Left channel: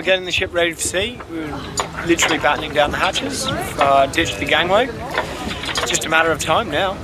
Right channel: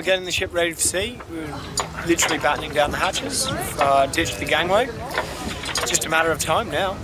We're getting the ship ready for sea. We're literally battening down the hatches, ditched the gangway. It's just a matter of time now.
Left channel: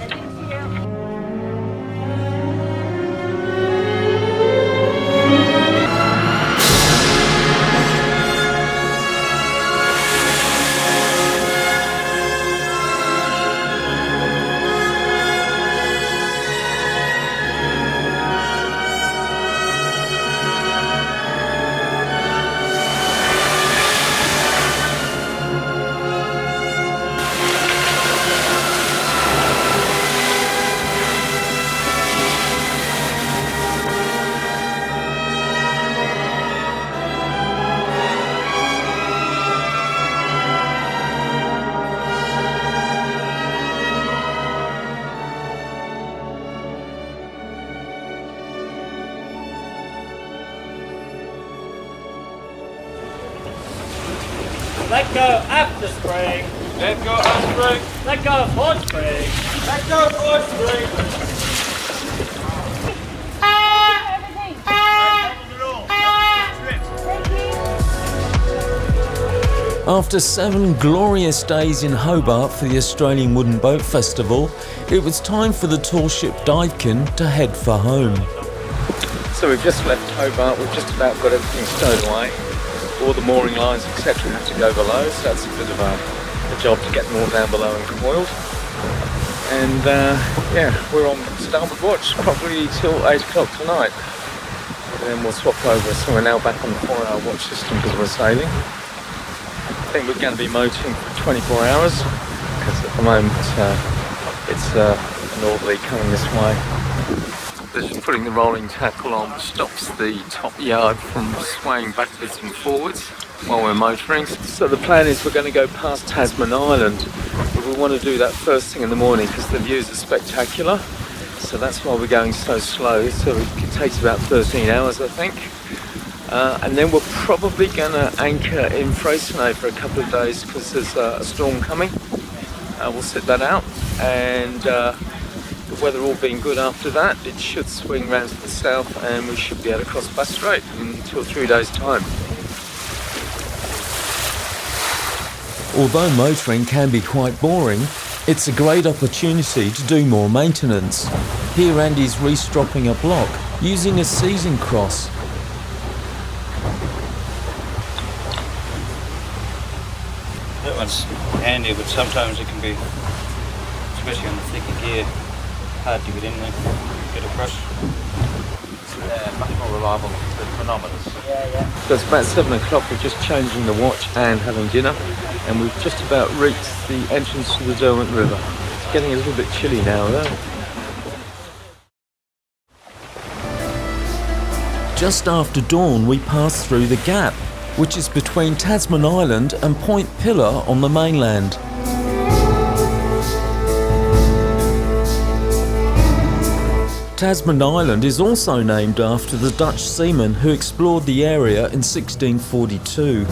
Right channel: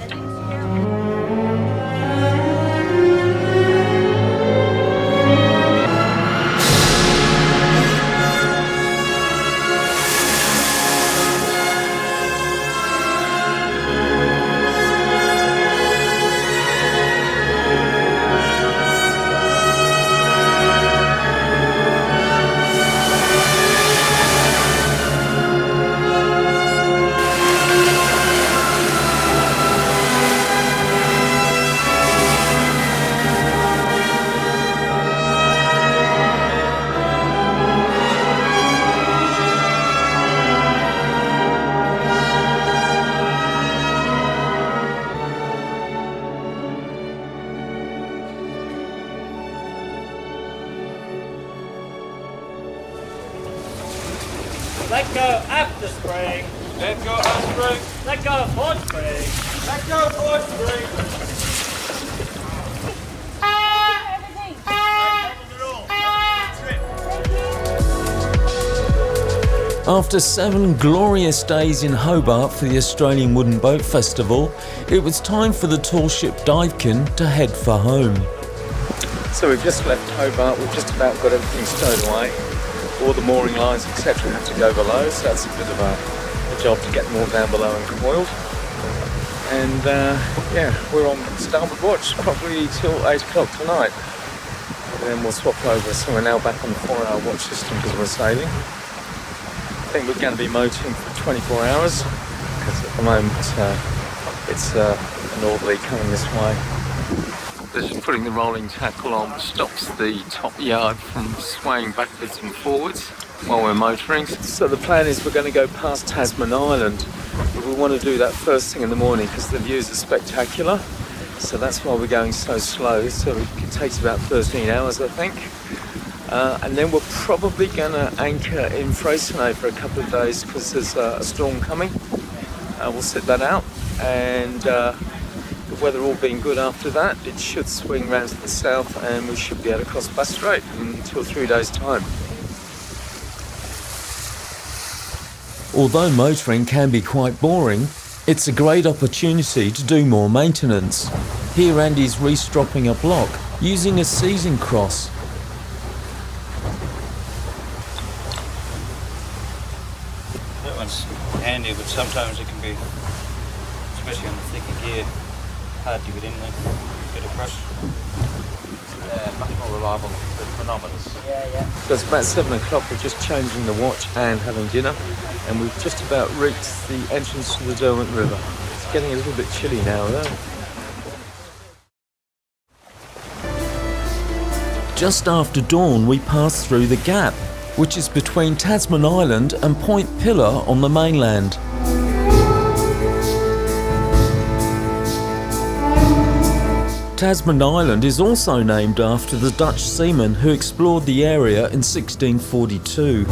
Let go after spring. Let go after spring. Let go forward spring. Let go forward spring. After 7 glorious days in Hobart for the Australian Wooden Boat Festival, it was time for the tall ship Duyfken to head for home. So we've just left Hobart, we've just about got everything stowed away. All the mooring lines, etc. have to go below, so that's a bit of a job to get them all down below and coiled. And yeah, we're on starboard watch, probably till 8 o'clock tonight. And then we'll swap over, so we're now back on the 4-hour watch system because we're sailing. I think we're going to be motoring for 24 hours, because at the moment it's a northerly coming this way. Just putting the rolling tackle on, which stops the top yard from swaying backwards and forwards while we're motoring. So the plan is we're going to go past Tasman Island, but we want to do that first thing in the morning because the views are spectacular. So that's why we're going so slow. So it takes about 13 hours, I think. And then we're probably going to anchor in Freycinet for a couple of days because there's a storm coming. We'll sit that out, and the weather all being good after that, it should swing round to the south and we should be able to cross Bass Strait in 2 or 3 days' time. Although motoring can be quite boring, it's a great opportunity to do more maintenance. Here Andy's restropping a block using a seizing cross. That one's handy, but sometimes it can be, especially on the thicker gear, hard to get in there, get across. Much more reliable than chronometers. Yeah. So it's about 7 o'clock, we're just changing the watch and having dinner, and we've just about reached the entrance to the Derwent River. It's getting a little bit chilly now though. Just after dawn we passed through the Gap, which is between Tasman Island and Point Pillar on the mainland. Tasman Island is also named after the Dutch seamen who explored the area in 1642.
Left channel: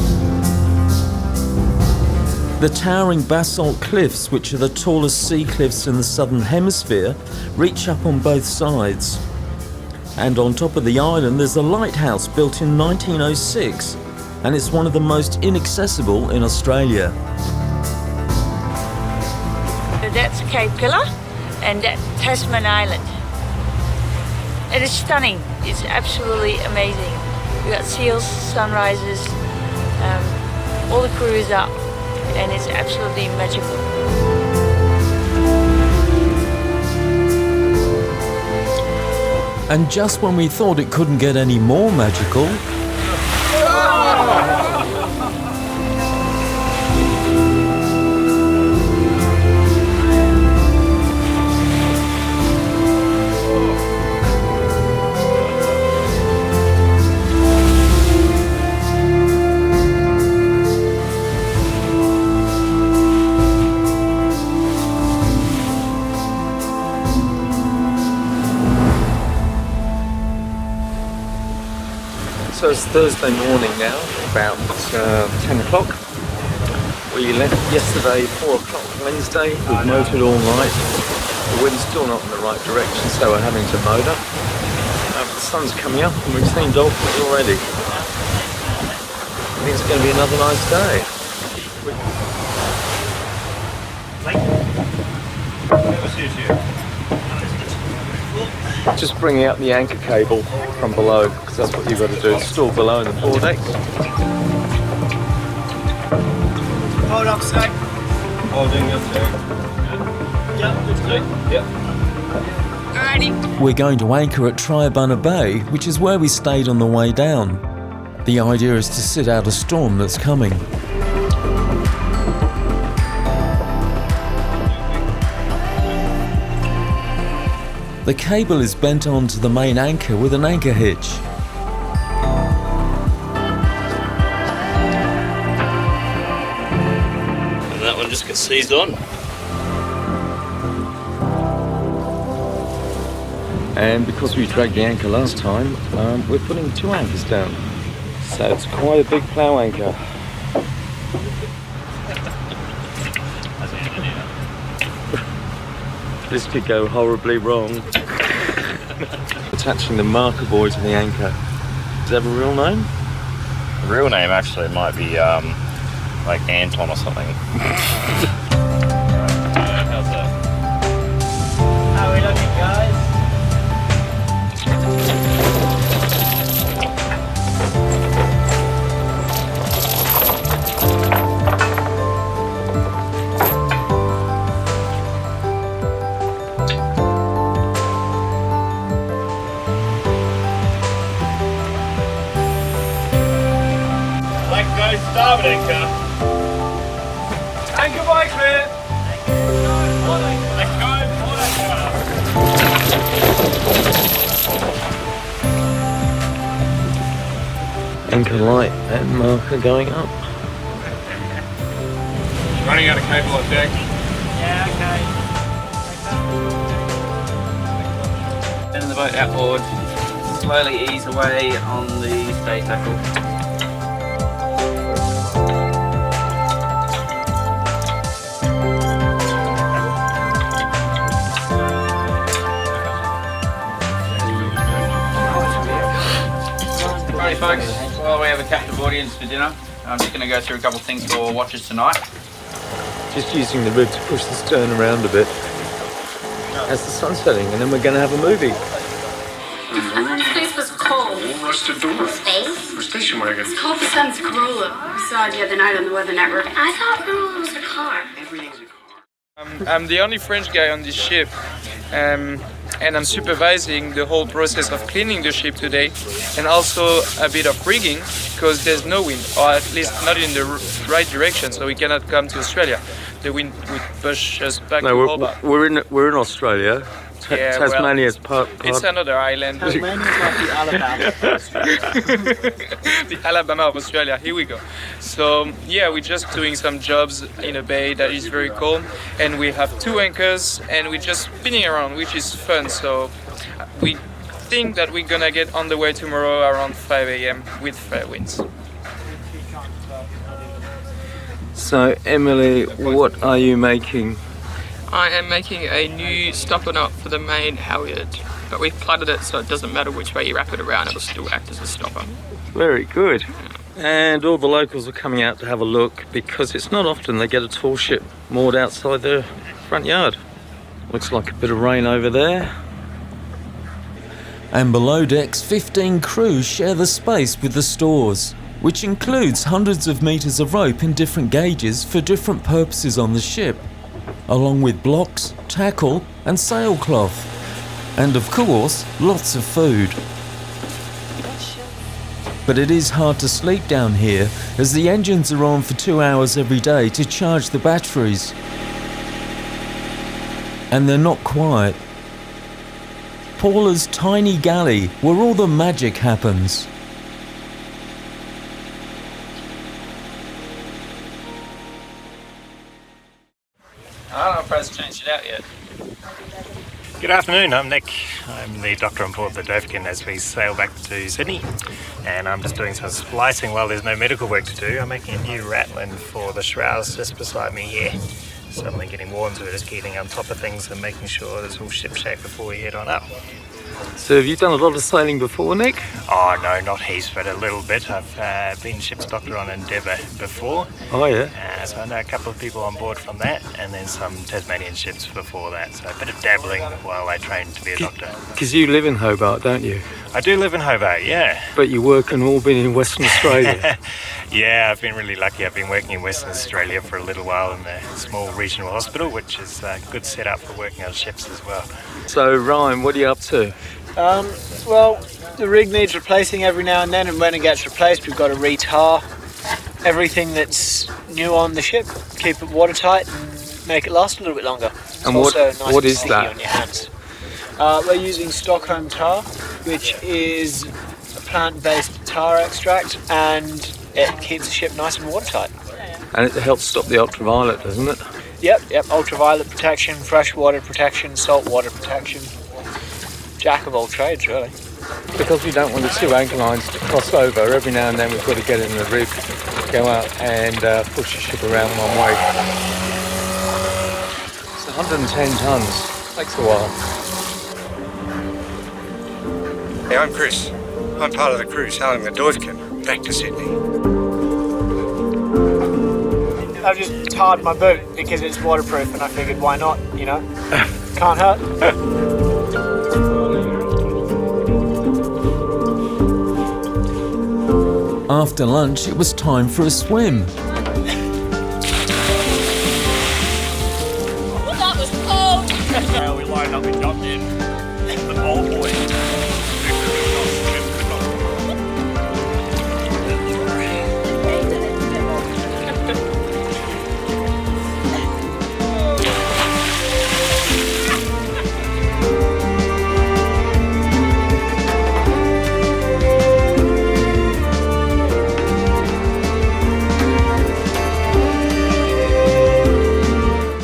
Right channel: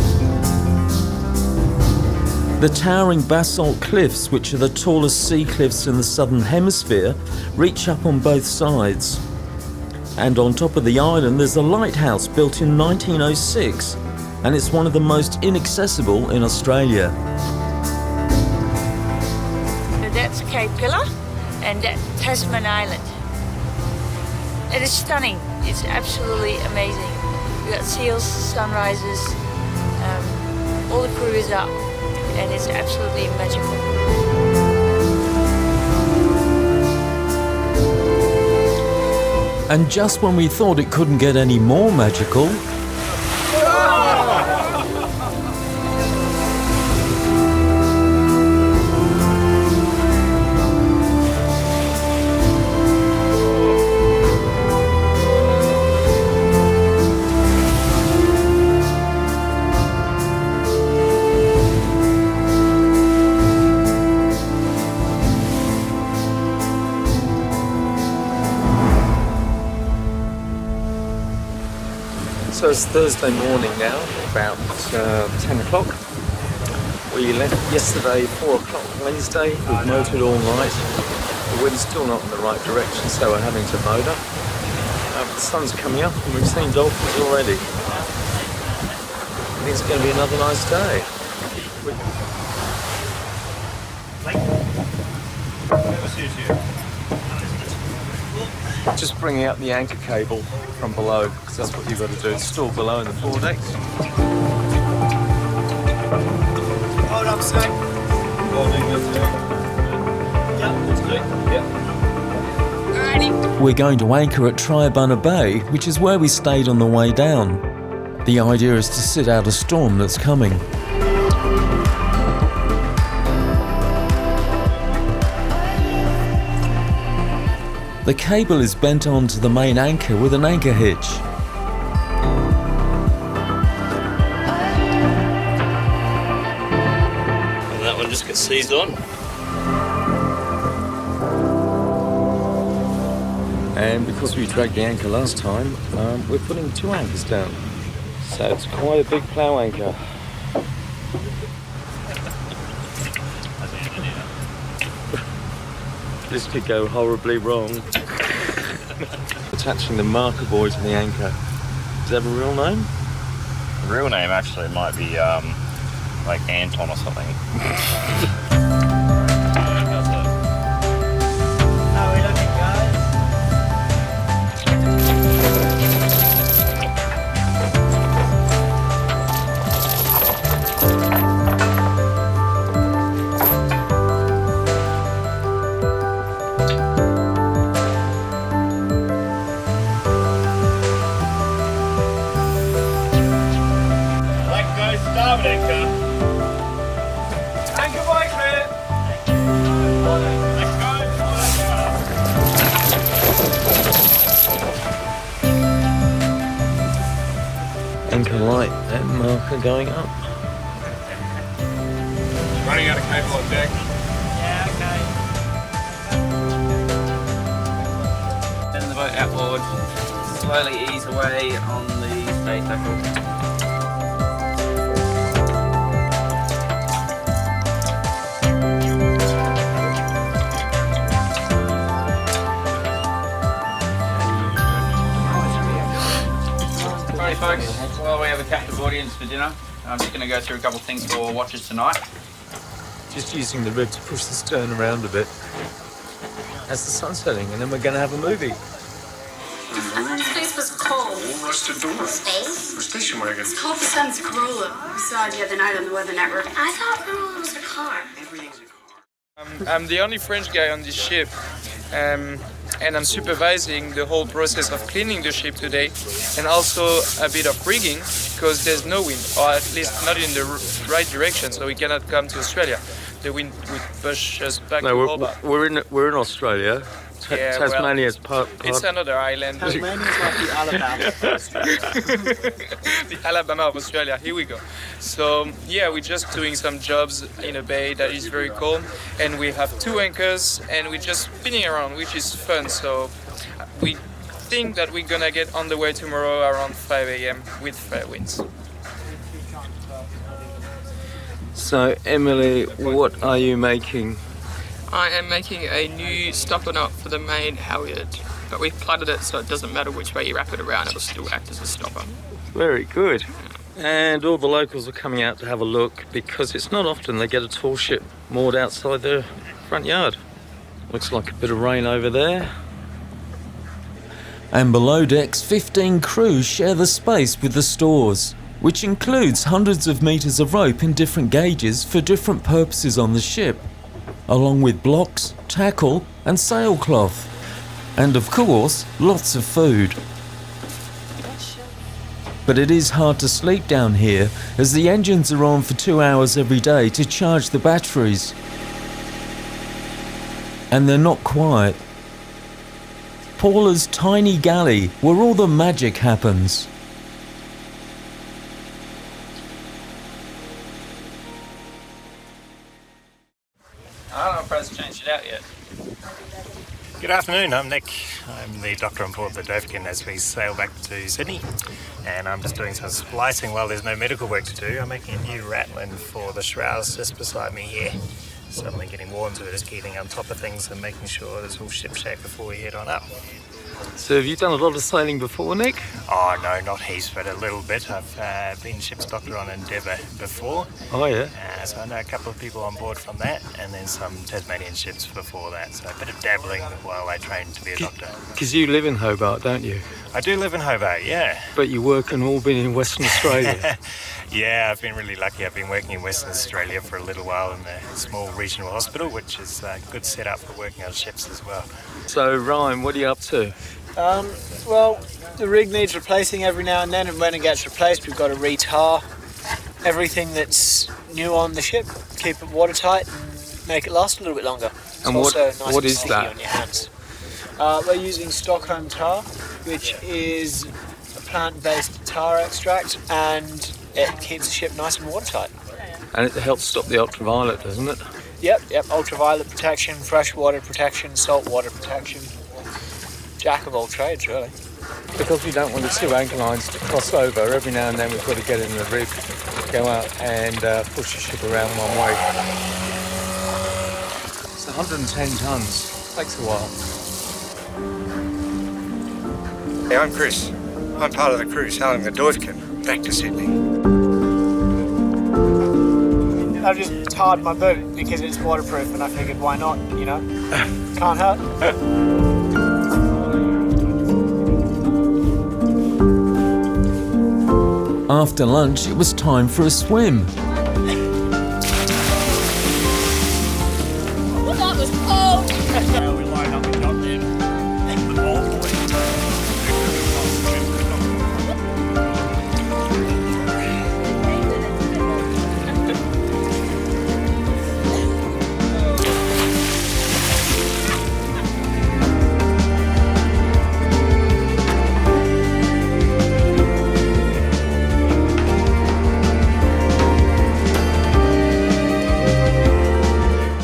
The towering basalt cliffs, which are the tallest sea cliffs in the southern hemisphere, reach up on both sides. And on top of the island there's a lighthouse built in 1906, and it's one of the most inaccessible in Australia. That's Cape Pillar and that's Tasman Island. It is stunning. It's absolutely amazing. We got seals, sunrises, all the crew is up, and it's absolutely magical. And just when we thought it couldn't get any more magical, So it's Thursday morning now, about 10 o'clock. We left yesterday 4 o'clock Wednesday, we've motored all night. The wind's still not in the right direction, so we're having to motor. The sun's coming up and we've seen dolphins already. think it's going to be another nice day. Just bringing out the anchor cable from below, because that's what you've got to do. It's still below in the foredecks. Hold up a sec. Holding a sec. Yep, let's do it. Yep. Alrighty. We're going to anchor at Triabunna Bay, which is where we stayed on the way down. The idea is to sit out a storm that's coming. The cable is bent onto the main anchor with an anchor hitch. And that one just gets seized on. And because we dragged the anchor last time, we're putting 2 anchors down. So it's quite a big plough anchor. This could go horribly wrong. Attaching the marker buoy to the anchor. Does it have a real name? The real name actually might be like Anton or something. How's that? How are we looking, guys? Let go, starboard anchor. Anchor by clear. Let go, forward anchor. Anchor light and marker going up. Running out of cable on deck. Yeah, okay. Turn the boat outboard. Slowly ease away on the stay tackle. Alright folks, while we have a captive audience for dinner, I'm just going to go through a couple of things for watchers tonight. Just using the rib to push the stern around a bit as the sun's setting, and then we're going to have a movie. Space was cold. Rusted door. Space? For station wagon. It's called the Sun's Corolla. We saw it the other night on the Weather Network. I thought Corolla was a car. Everything's a car. I'm the only French guy on this ship, and I'm supervising the whole process of cleaning the ship today, and also a bit of rigging, because there's no wind, or at least not in the right direction, so we cannot come to Australia. The wind would push us back to Hobart. we're in Australia. Yeah, well, Tasmania's part. It's another island. Tasmania's like the Alabama of Australia. The Alabama of Australia, here we go. So yeah, we're just doing some jobs in a bay that is very calm, and we have 2 anchors, and we're just spinning around, which is fun. So we think that we're gonna get on the way tomorrow around 5 a.m. with fair winds. So Emily, what are you making? I am making a new stopper knot for the main halyard, but we've plaited it so it doesn't matter which way you wrap it around, it'll still act as a stopper. Very good. And all the locals are coming out to have a look, because it's not often they get a tall ship moored outside their front yard. Looks like a bit of rain over there. And below decks, 15 crews share the space with the stores, which includes hundreds of meters of rope in different gauges for different purposes on the ship, along with blocks, tackle and sailcloth. And of course, lots of food. But it is hard to sleep down here, as the engines are on for 2 hours every day to charge the batteries. And they're not quiet. Paula's tiny galley, where all the magic happens. I don't know if Brad's changed it out yet. Good afternoon, I'm Nick. I'm the doctor on board the Dufken as we sail back to Sydney, and I'm just doing some splicing while there's no medical work to do. I'm making a new rattlin for the shrouds just beside me here. Suddenly getting warm, so we're just keeping on top of things and making sure it's all shipshape before we head on up. So have you done a lot of sailing before, Nick? Oh no, not heaps, but a little bit. I've been ship's doctor on Endeavour before. Oh yeah. So I know a couple of people on board from that, and then some Tasmanian ships before that. So a bit of dabbling while I trained to be a doctor. Because you live in Hobart, don't you? I do live in Hobart, yeah. But you work and all been in Western Australia. Yeah, I've been really lucky. I've been working in Western Australia for a little while in the small regional hospital, which is a good setup for working on ships as well. So Ryan, what are you up to? Well, the rig needs replacing every now and then, and when it gets replaced, we've got to retar everything that's new on the ship, keep it watertight, and make it last a little bit longer. It's And also what- nice what and is sticky that? on your hands. We're using Stockholm tar, which is a plant-based tar extract, and it keeps the ship nice and watertight. And it helps stop the ultraviolet, doesn't it? Yep, ultraviolet protection, freshwater protection, saltwater protection. Jack of all trades, really. Because we don't want the two anchor lines to cross over, every now and then we've got to get in the rig, go out and push the ship around one way. It's 110 tonnes, takes a while. Hey, I'm Chris. I'm part of the crew sailing the Duyfken back to Sydney. I've just tarred my boot because it's waterproof, and I figured, why not, you know? Can't hurt. After lunch, it was time for a swim. Well, that was cold. We lined up in Dufken, the old boy.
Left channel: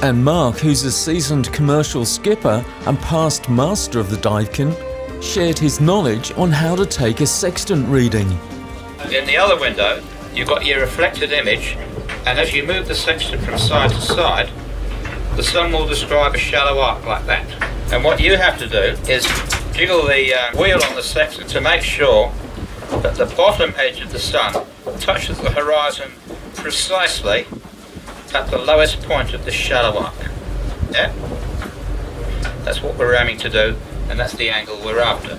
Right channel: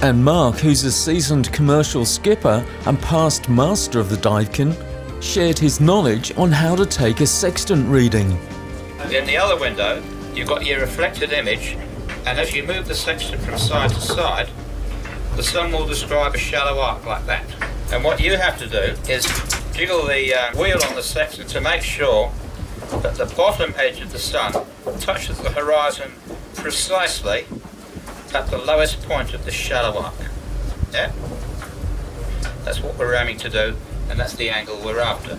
And Mark, who's a seasoned commercial skipper and past master of the Duyfken, shared his knowledge on how to take a sextant reading. In the other window, you've got your reflected image, and as you move the sextant from side to side, the sun will describe a shallow arc like that. And what you have to do is jiggle the wheel on the sextant to make sure that the bottom edge of the sun touches the horizon precisely at the lowest point of the shallow arc. Yeah? That's what we're aiming to do, and that's the angle we're after.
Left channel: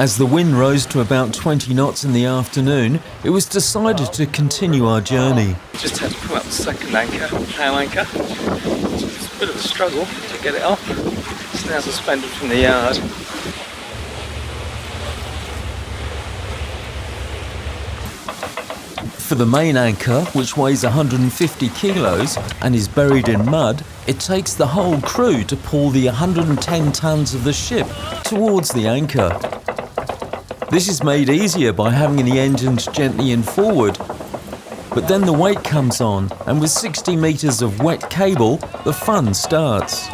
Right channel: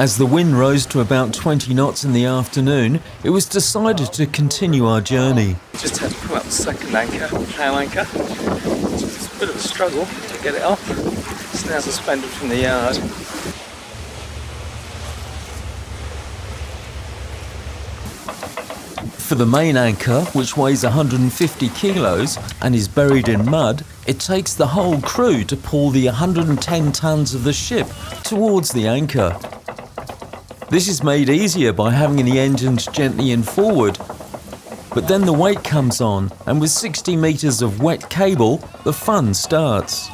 As the wind rose to about 20 knots in the afternoon, it was decided to continue our journey. Just had to pull up the second anchor, tail anchor. It's a bit of a struggle to get it up. It's now suspended from the yard. For the main anchor, which weighs 150 kilos and is buried in mud, it takes the whole crew to pull the 110 tons of the ship towards the anchor. This is made easier by having the engines gently in forward, but then the weight comes on, and with 60 metres of wet cable, the fun starts.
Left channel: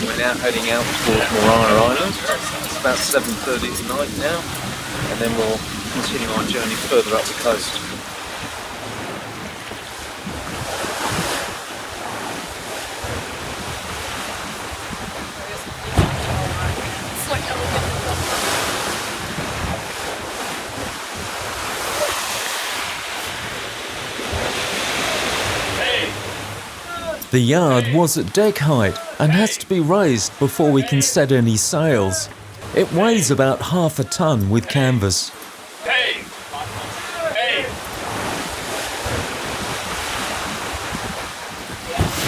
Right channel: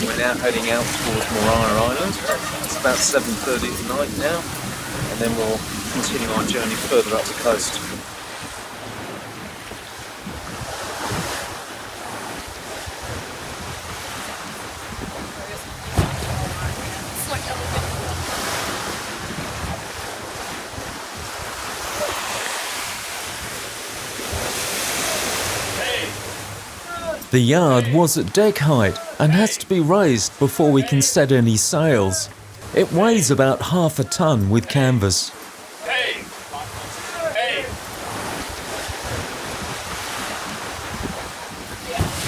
We're now heading out towards Maritime Island. It's about 7:30 tonight now, and then we'll continue our journey further up the coast. The yard was at deck height and has to be raised before we can set any sails. It weighs about half a ton with canvas.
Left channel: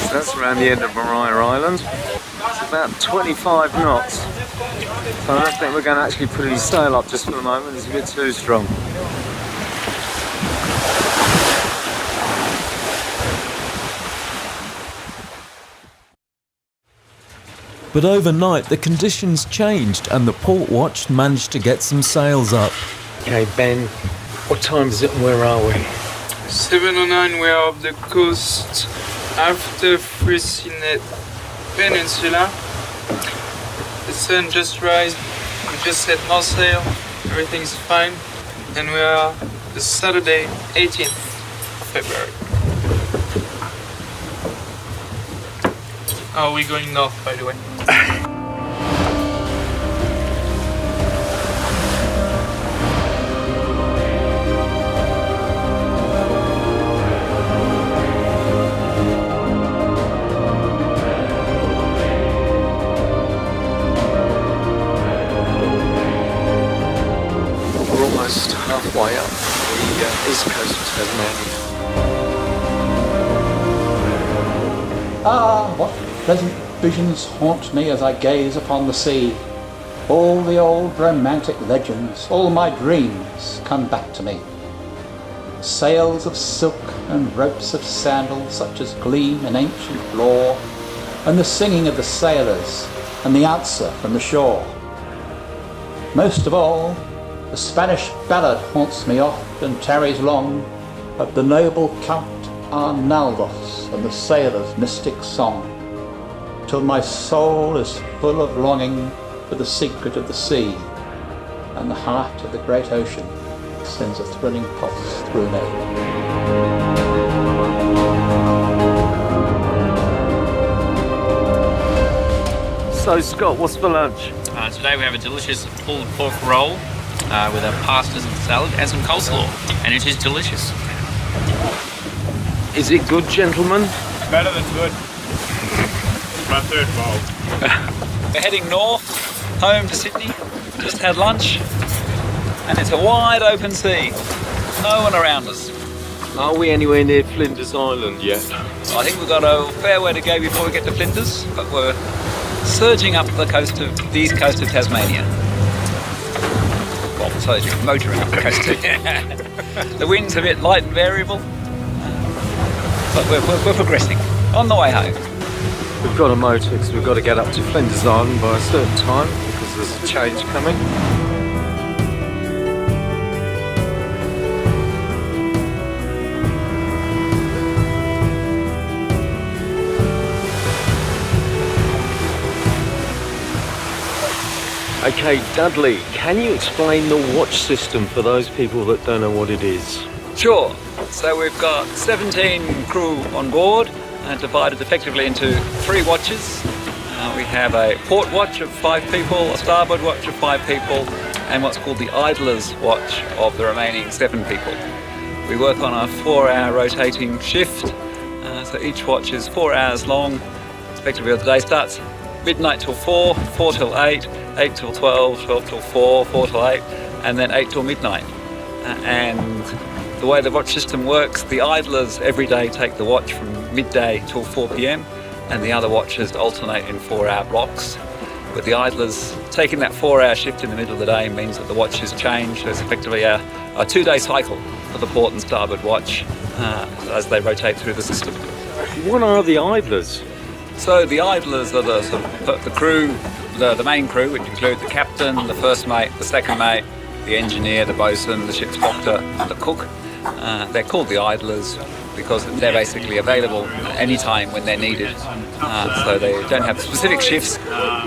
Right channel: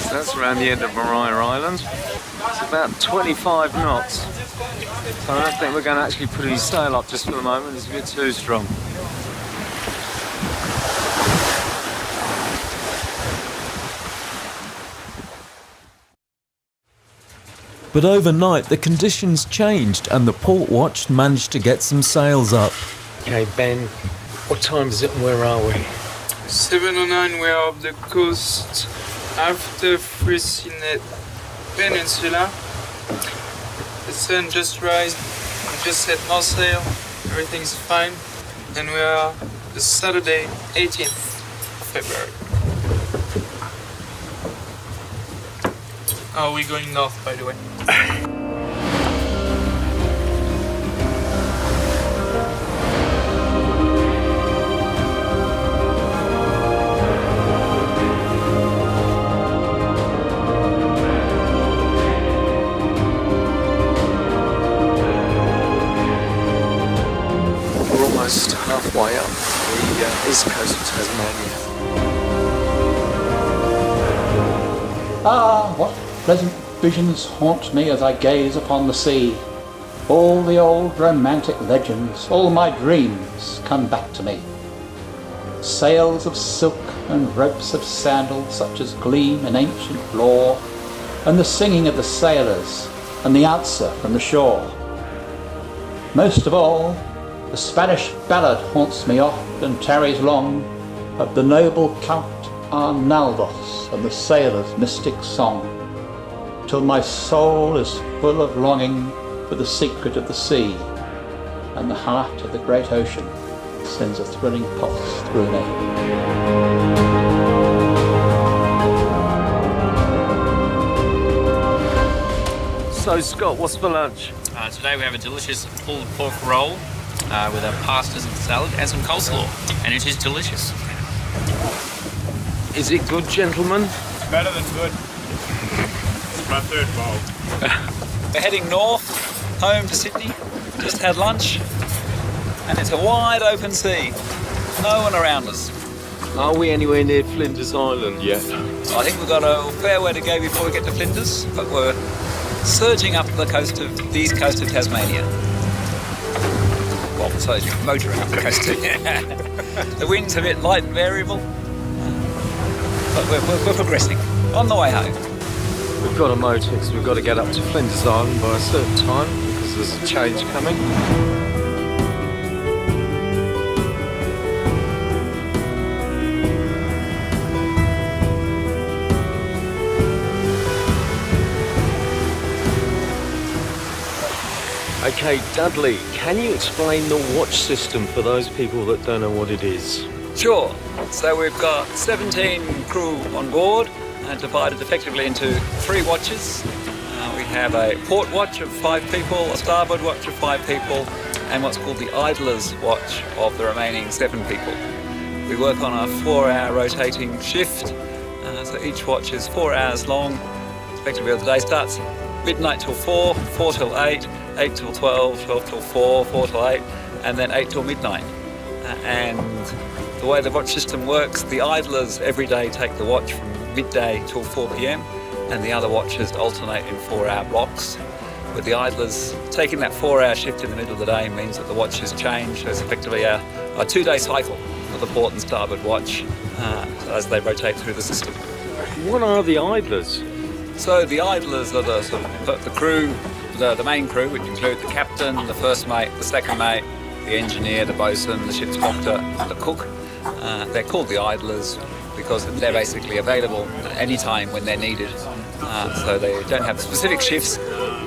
So that's around the end of Maritime Island. It's about 25 knots. So I don't think we're going to actually put any sail up just for the moment. It's a bit too strong. But overnight the conditions changed and the port watch managed to get some sails up. Okay, Ben, what time is it and where are we? 7:09 we are off the coast after Frisinet Peninsula. The sun just rised, we just set no sail, everything's fine, and we are the Saturday 18th February. Oh, we're going north, by the way. We're almost halfway up the east coast of Tasmania. Ah, what pleasant visions haunt me as I gaze upon the sea. All the old romantic legends, all my dreams come back to me. Sails of silk and ropes of sandal such as gleam in ancient lore, and the singing of the sailors and the answer from the shore. Most of all, the Spanish ballad haunts me oft and tarries long, of the noble Count Arnaldos and the sailor's mystic song, till my soul is full of longing for the secret of the sea, and the heart of the great ocean sends a thrilling pulse through me. So Scott, what's for lunch? Today we have a delicious pulled pork roll with our pastas and salad and some coleslaw, and it is delicious. Is it good, gentlemen? Better than good. It's my third bowl. We're heading north, home to Sydney. Just had lunch, and it's a wide open sea. No one around us. Are we anywhere near Flinders Island yet? I think we've got a fair way to go before we get to Flinders, but we're surging up the east coast of Tasmania. Well, surging, motoring up the coast. The wind's a bit light and variable, but we're progressing. On the way home. We've got a motor because we've got to get up to Flinders Island by a certain time because there's a change coming. Okay, Dudley, can you explain the watch system for those people that don't know what it is? Sure. So we've got 17 crew on board, divided effectively into 3 watches. We have a port watch of 5 people, a starboard watch of 5 people, and what's called the idler's watch of the remaining 7 people. We work on a 4-hour rotating shift, so each watch is 4 hours long. Effectively, the day starts midnight till 4, 4 till 8, 8 till 12, 12 till 4, 4 till 8, and then 8 till midnight. And the way the watch system works, the idlers every day take the watch from midday till 4 p.m, and the other watches alternate in 4-hour blocks. But the idlers taking that 4-hour shift in the middle of the day means that the watches change. So it's effectively a 2-day cycle for the port and starboard watch as they rotate through the system. What are the idlers? So the idlers are the sort of the crew, the main crew, which include the captain, the first mate, the second mate, the engineer, the bosun, the ship's doctor, and the cook. They're called the idlers because they're basically available any time when they're needed. So they don't have specific shifts.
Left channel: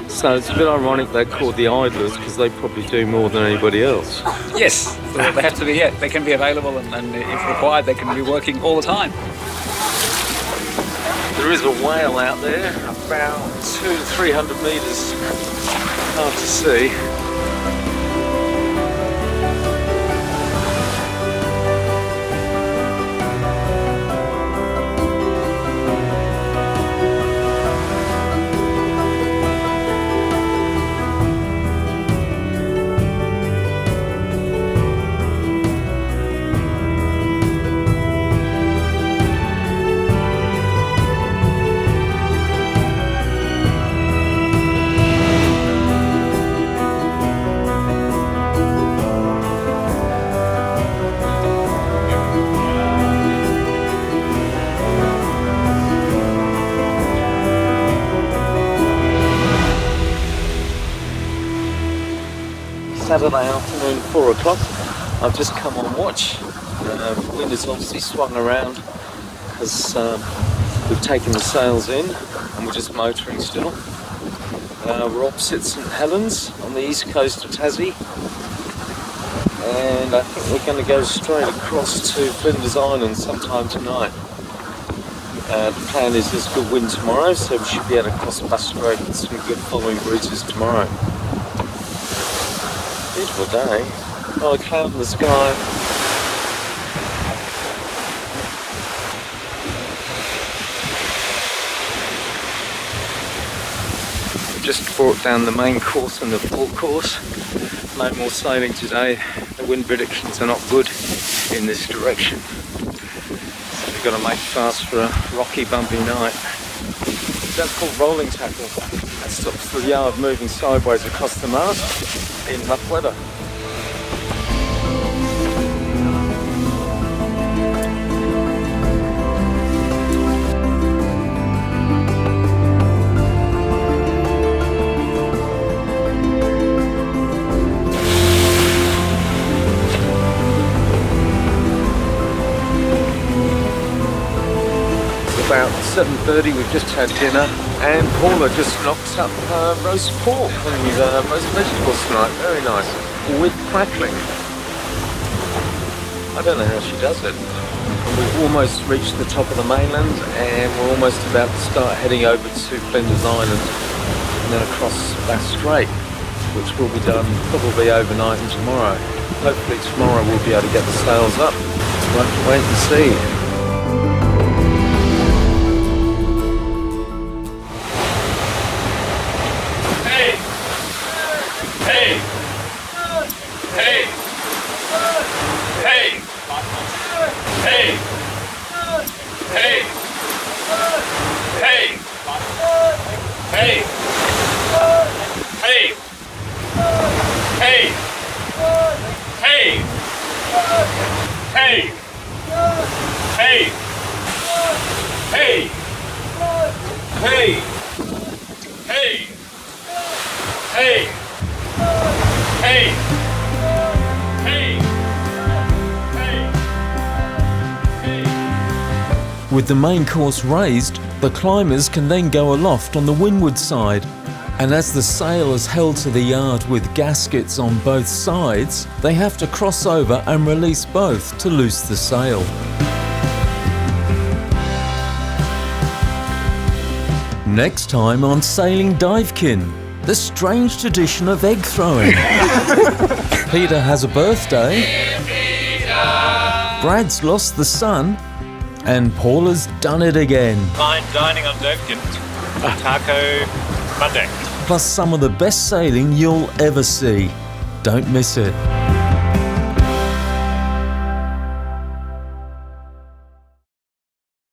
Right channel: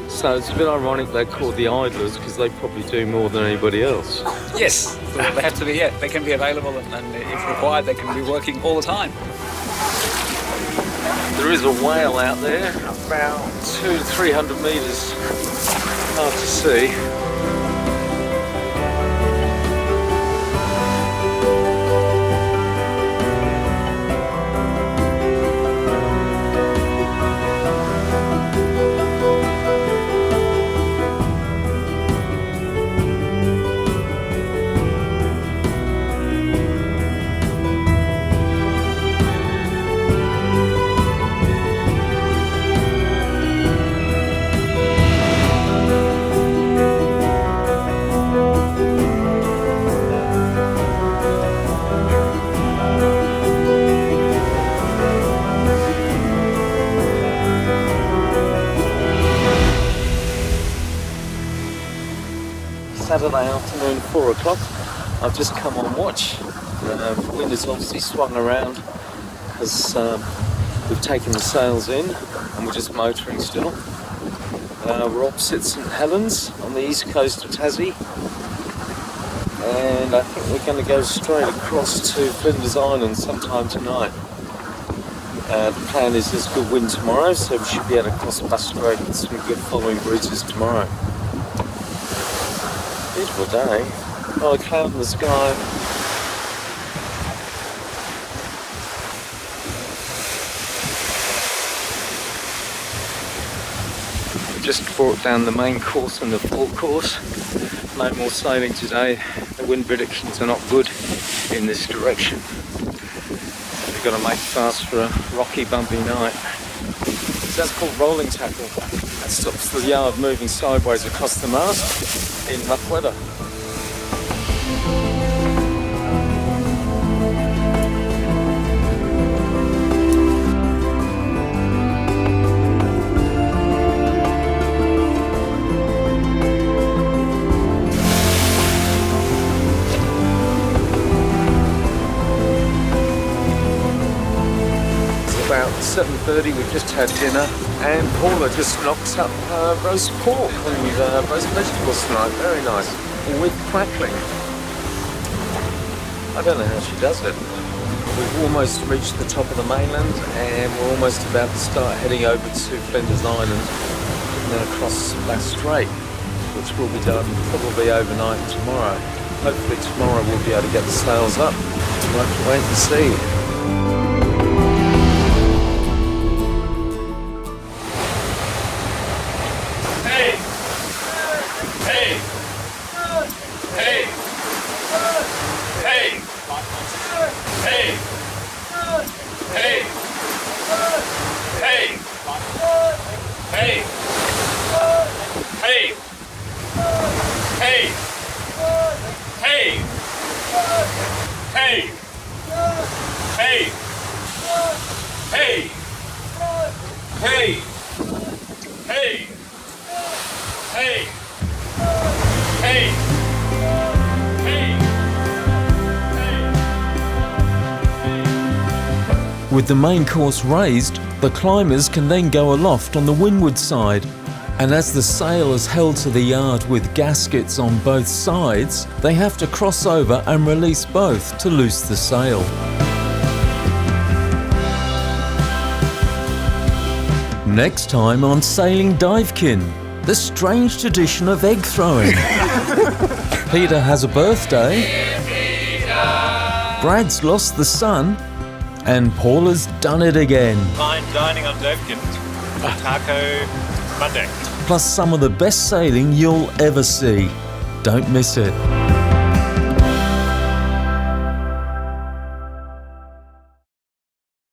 So it's a bit ironic they're called the idlers because they probably do more than anybody else. Yes, so they have to be. Yeah, they can be available, and if required, they can be working all the time. There is a whale out there, about 200 to 300 metres. Hard to see. Saturday afternoon, 4 o'clock. I've just come on watch The wind has obviously swung around because we've taken the sails in and we're just motoring still. We're opposite St Helens on the east coast of Tassie, and I think we're going to go straight across to Flinders Island sometime tonight. The plan is there's good wind tomorrow, so we should be able to cross Bass Strait with some good following breezes tomorrow. Beautiful day. Oh, a cloud in the sky. Just brought down the main course and the port course. No more sailing today. The wind predictions are not good in this direction. So we've got to make fast for a rocky, bumpy night. So that's called rolling tackle. That stops the yard moving sideways across the mast in rough weather. About 7:30, we've just had dinner, and Paula just knocked up roast pork and roast vegetables tonight. Very nice, with crackling. I don't know how she does it. We've almost reached the top of the mainland, and we're almost about to start heading over to Flinders Island and then across Bass Strait, which will be done probably overnight and tomorrow. Hopefully tomorrow we'll be able to get the sails up. We'll have to wait and see. With the main course raised, the climbers can then go aloft on the windward side, and as the sail is held to the yard with gaskets on both sides, they have to cross over and release both to loose the sail. Next time on Sailing Duyfken, the strange tradition of egg throwing. Peter has a birthday, Brad's lost the son, and Paula's done it again. Fine dining on Dufken. Taco Monday. Plus some of the best sailing you'll ever see. Don't miss it.